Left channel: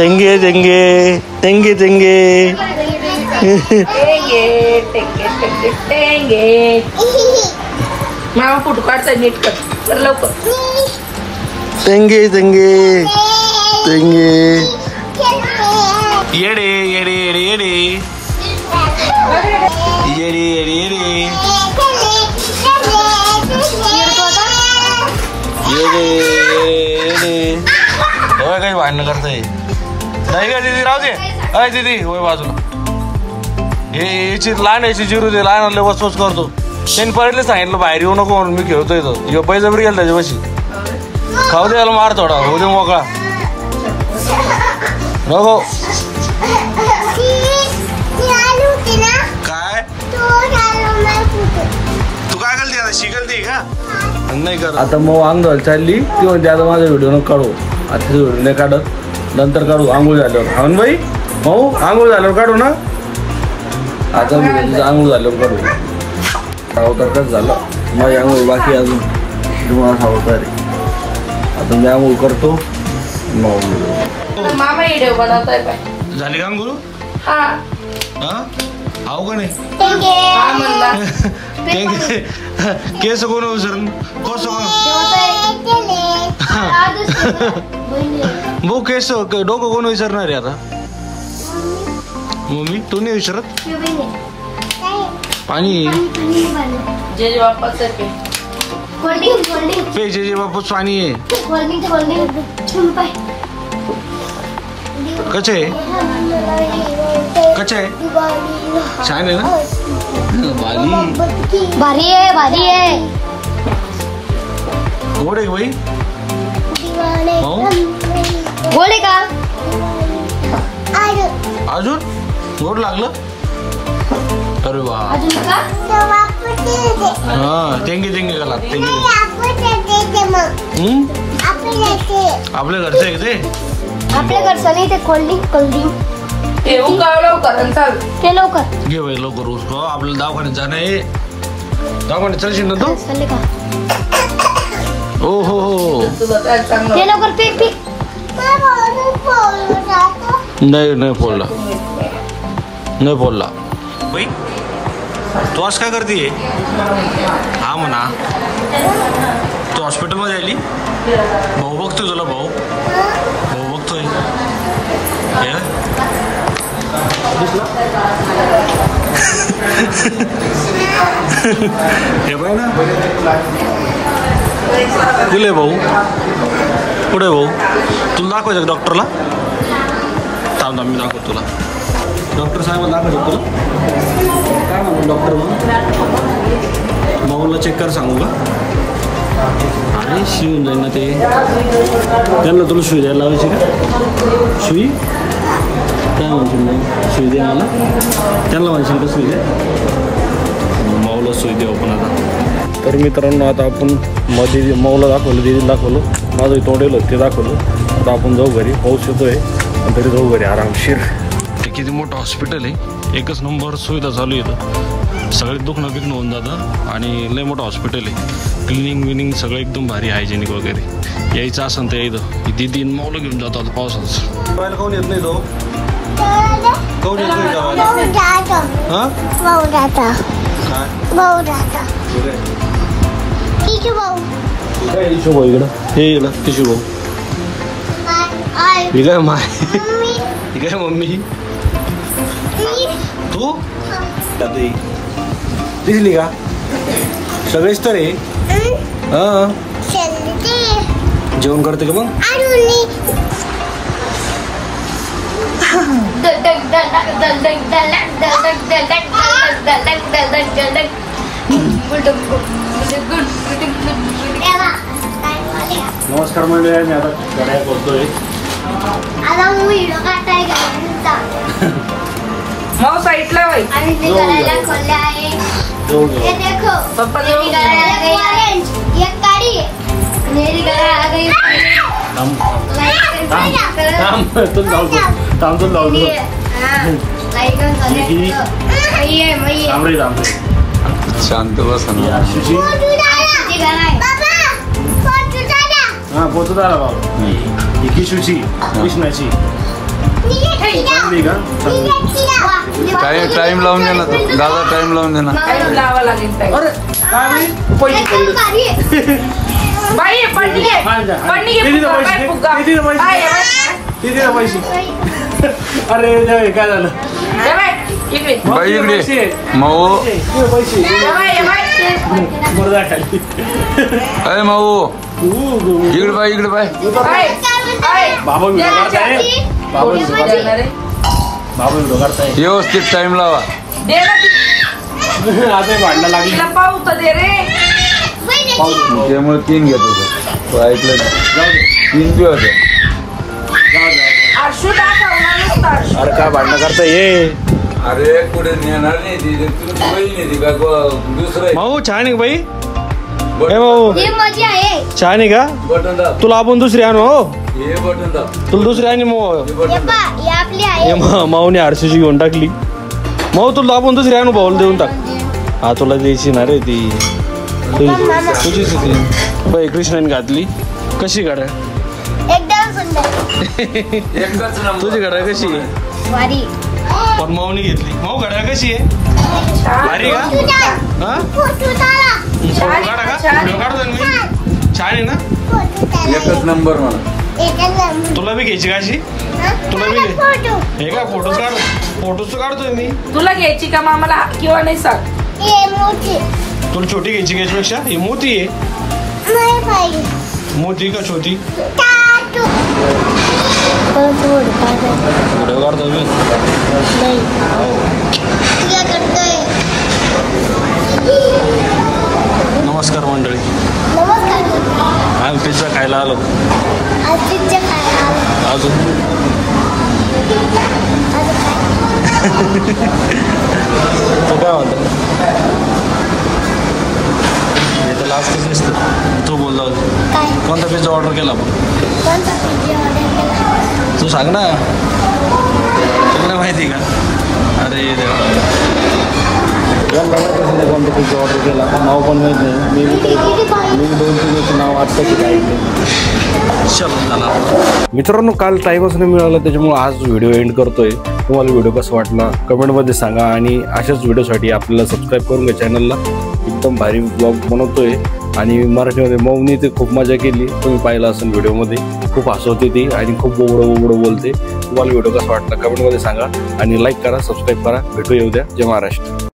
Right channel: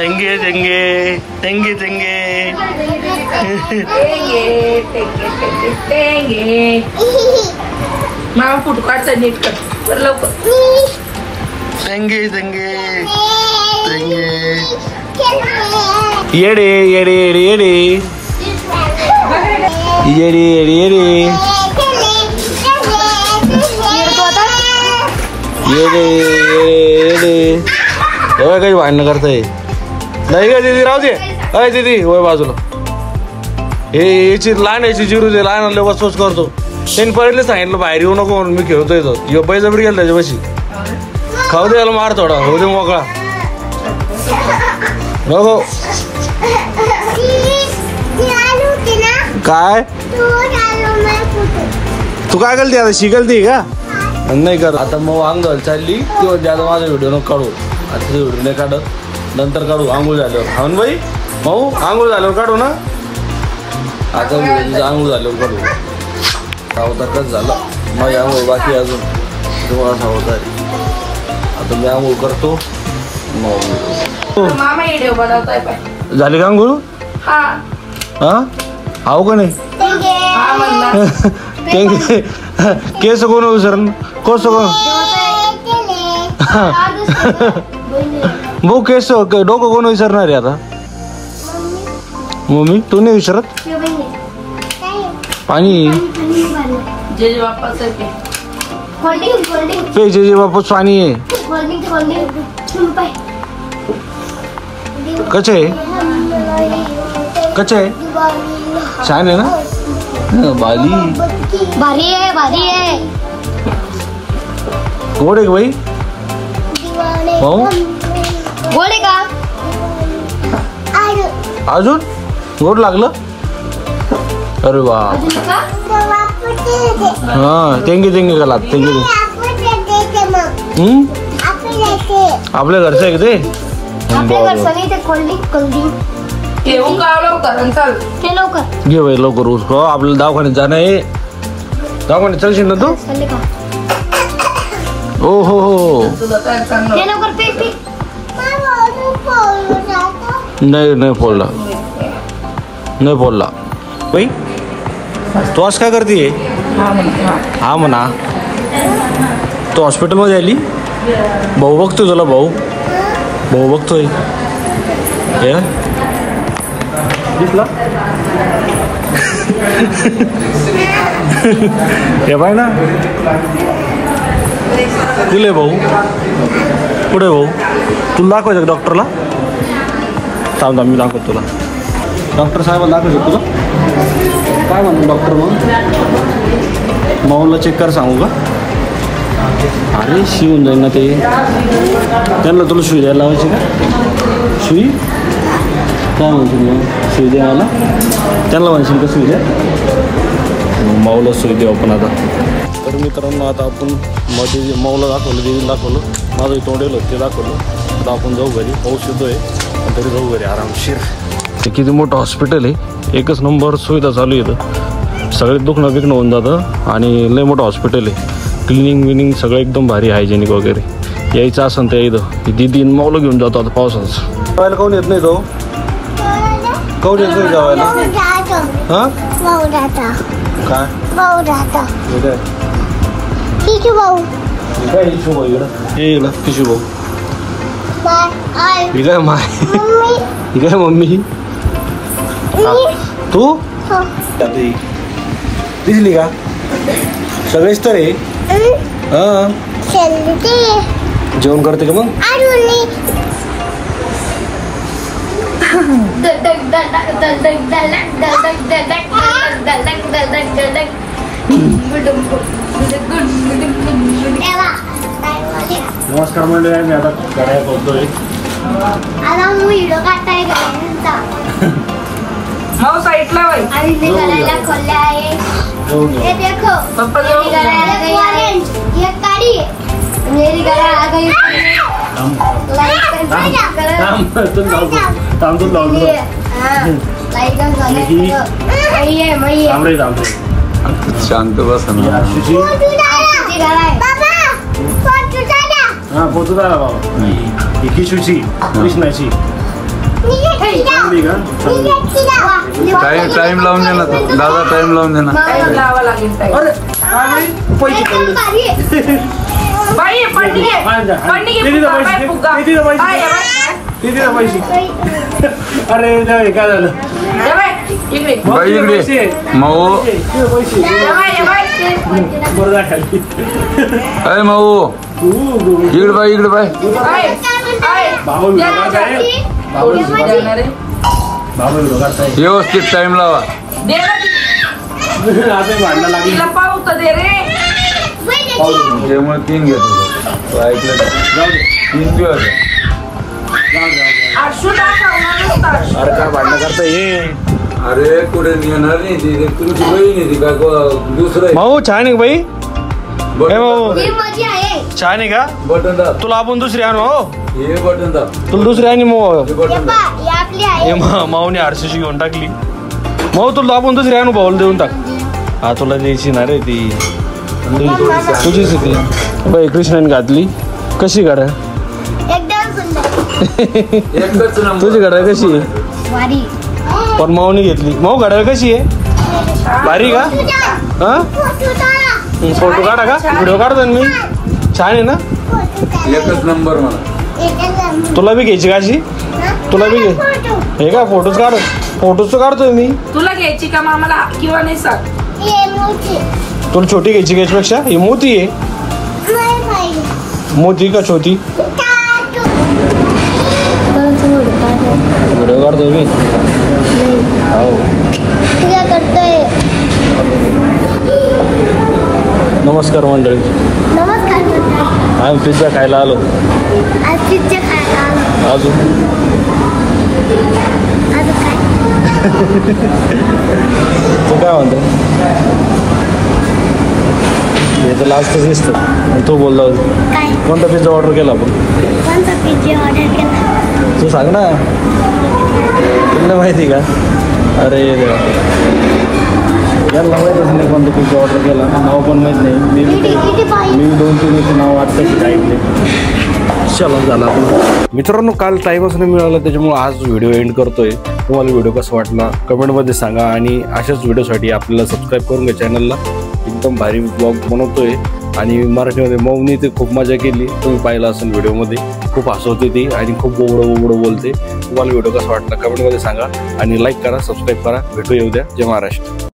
तेंगे तेंगे तेंगे तेंगे मामा फोटो काढता नीट कर लवकर. तेंगे तेंगे तेंगे येडे येडे येडे येडे येडे येडे येडे येडे येडे एवढं काही भांडणं करताय नाही का दीदी? राहू दे. अरे दीदी वय बाजूला. हे याची लहान याची जिरू दे. लहान वसवस करतो. त्यांनी पहिले सांगितलं बाहेर येऊ नको म्हणून मी खेळतो इथं. बळजबरी गेला त्याच्यापाशी. खाऊ दे याला मार थोडा. होऊ दे मोकळा नको. काय तू काय करते आता? शिकलती का? नाही कर. आता मग आंघोळ चालली किंवा ज्यादा माझा व्हिडिओ नको काढू. आता व्हिडिओ नाही काढत. नंतर काढू आंघोळ झाल्यावर. हा बाई भाऊ आंघोळ झाल्यावर काढू ना. आता आंघोळ झाल्यावर काढू. सावतार कसं झालं माझी आंघोळ बाकी अजून तुम्हाला सावतार. आता मी आंघोळ करतो मग मामा व्हिडिओ बनवतोय. झाली का आंघोळ? हा आहो का नाही? केस कोण विसरण कोस कोण भाऊ केस डोकं कोण विसरणार आहे आता? मम्मी तू नाही विसरत? पाणी पे जे बापू पाणी आहे. कच्छ आहे कच्छ आहे छान आहे ना. बाली भारी आहे भारी आहे. गोड आहे भाई भाऊ? गोड आहे का अजून? गोड लागलं? अरे वा. हा तेंगे तेंगे का लाग तेंगे. आपल्या घरचं आहे का ते? आपल्या घरचं नाही ते कोल्ड्रिंक कोल्ड्रिंक. ते लवकर ते लवकर घे भाई लवकर. उसको आपल्याला दवाखान्यात जाणं आहे. दवाखान्यात चलशील ना तू? ओ हो हो ते लवकर ते नाही नाही फोडला नाही फोडला. बाई तू आज काय करते? हा म्हणा तू हॉस्पिटलमध्ये आली. भाऊ बघतोय तुला. भाऊ बघतोय. हे दिसला हे पाय ना. कुठे भाऊ? कुठे भाऊ? तुला दाखवायचं डॉक्टरला? थांब मी दाखवतो तुला. डॉक्टर साहेबांना दाखवायचं तुला. काय म्हणतो डॉक्टर? मग माऊला चेक कर सांगू का? अरे शिवून जाईल ना ते. त्यांना तुला सुई द्यायला लावायची का? सुई काय म्हणतो मग? सुई दे मला. त्यांना म्हणशील का सुई द्या? माऊला सुई देऊ आपण आता. तर मित्रांनो आता आपण मध्ये माऊला दाखवलं दिदीला दाखवलं. माझं तोंडेल ते दाखवलं. आता आपण जाऊ घरी. पाऊस येतोय पण तरी जाऊ घरी आरामशीर. ते किती मोठं हॉस्पिटल आहे. एकच नंबर सुविधा चालू येतं. सगळे दुखणं बिकणं होऊन जातं आणि लय मोठं हॉस्पिटल आहे. क्लिनिंग विनिंग सगळं एकदम भारी हायजेनिक वगैरे. यायचं असं ते इथं दीदी माऊला घेऊन जातो आता पावसाचं. जेवायला कोण येत नाही तो? कोण येत नाही जेवायला? हा काय काय इशू भाऊ इकडं? हे इकडं इशू भाऊ. ही काय माय ही काय मम्मी? तू दिसली का? सगळेच तर आहे. हा जेवण करते का मग? नमस्कार मंडळी. मी आता करायला बोलतोय. साईडला करायला खोलले आहे. ये देखो मेरी गला गई ऑरेंज. ये काली मेरी गला आ गई. शांत बस ना. हा पोतू झाला बाबा. ही किशूची कृष्णाची नाही चांगली का? टाइम लावून दे ना तो. दादा टाइम लावून दे ना. टाइम लावा लागेल ताई. अरे काय पैसे पडले. बाई पडली पडली किती पैसे किती पैसे किती पैसे. अरे नाही काय झालं. बाई इकडे माऊ. बरं खाली. अरे माऊ इकडे बाई इकडे बाई. बाबा व्हिडिओ काढताय. बाबा व्हिडिओ काढताय. व्यवस्थित टाइम लावा. आता भांडणं लागली. त्यामुळे 3 घेतो तो. ऐकलं ना? जाऊ दे 3 दिवस. जाऊ दे. अरे काय भांडणं करता ये. अरे कुठे नेणार नाही ती. तुमची बहीण आहे ती का दुसरं. भाऊ छान आहे बाई. भाऊ ही माझी आहे. छान आहे का. बटन दाब. तुला आपण दुसरी आणू. हो हे बटन दाब. तुला दुसरी आणि मग हे बटन दाब. ही आपली आहे. माऊने आरसीची घेऊन टाकली. भाऊ तुला आपण दुसरी आणू. भाऊला देऊन टाक. हा तुला द्यायची ना रे ती. तुझीच होती बाई. कृष्णाने घातली. कशी गाड्या. एकदम सुंदर. एकच नंबर. तुझी गाड्या कशी आहे. भारी. पण माऊने घेतली. माऊ गाड्या कशी आहे. भारी का. हा फोटो काढा का. व्हिडिओ काढतो मी. छान आहे ना. एकच नंबर म्हणा. तुला बी घ्यायची का अशी. तुला बी घे. हे का फोटोच काढ. फोटोच काढतोय मी. तुला घ्यायची का मामाला किंवा नाही सांग. तुला छोटी घ्यायची का याच्यापेक्षा. ही मोठी आहे. मोठी का छोटी. व्हिडिओ काढतोय मी. हो नमस्कार मंडळी. आम्ही पिझ्झा खायला आलो. अजून तू काय म्हणतो. हे तर लास्टच दिसतं. तू बोलला कोणता पिझ्झा ऑर्डर केला आपण. तू सांग ना. तुला माहिती का. अरे देवा याला माहितच नाही कोणता पिझ्झा ऑर्डर केला. नाव पण माहीत नाही. मी 2-3 याचे नाव वाटतं की काय. चला झाला आपण. मित्रांनो काल टाईमच नाही मिळाला त्याच्यामुळे आज व्हिडिओ एंड करतोय. तुम्हाला व्हिडिओ कसा वाटला कमेंटमध्ये सांगा. आणि अशाच व्हिडिओसाठी आपल्याला सबस्क्राईब करून घ्या चॅनलला. एकदम भारी ब्लॉग बनवतोय. आणि मराठीमध्ये मौनी ते खूप मजा केली. तुम्ही पाहिलं असेल व्हिडिओमध्ये. खूप हसवते ती आणि खूप बोबडं बोलते. तुम्हाला व्हिडिओ कसा वाटला कमेंटमध्ये सांगा. आणि लाईक करा सबस्क्राईब करा. भेटू येऊ द्या. जय महाराष्ट्र.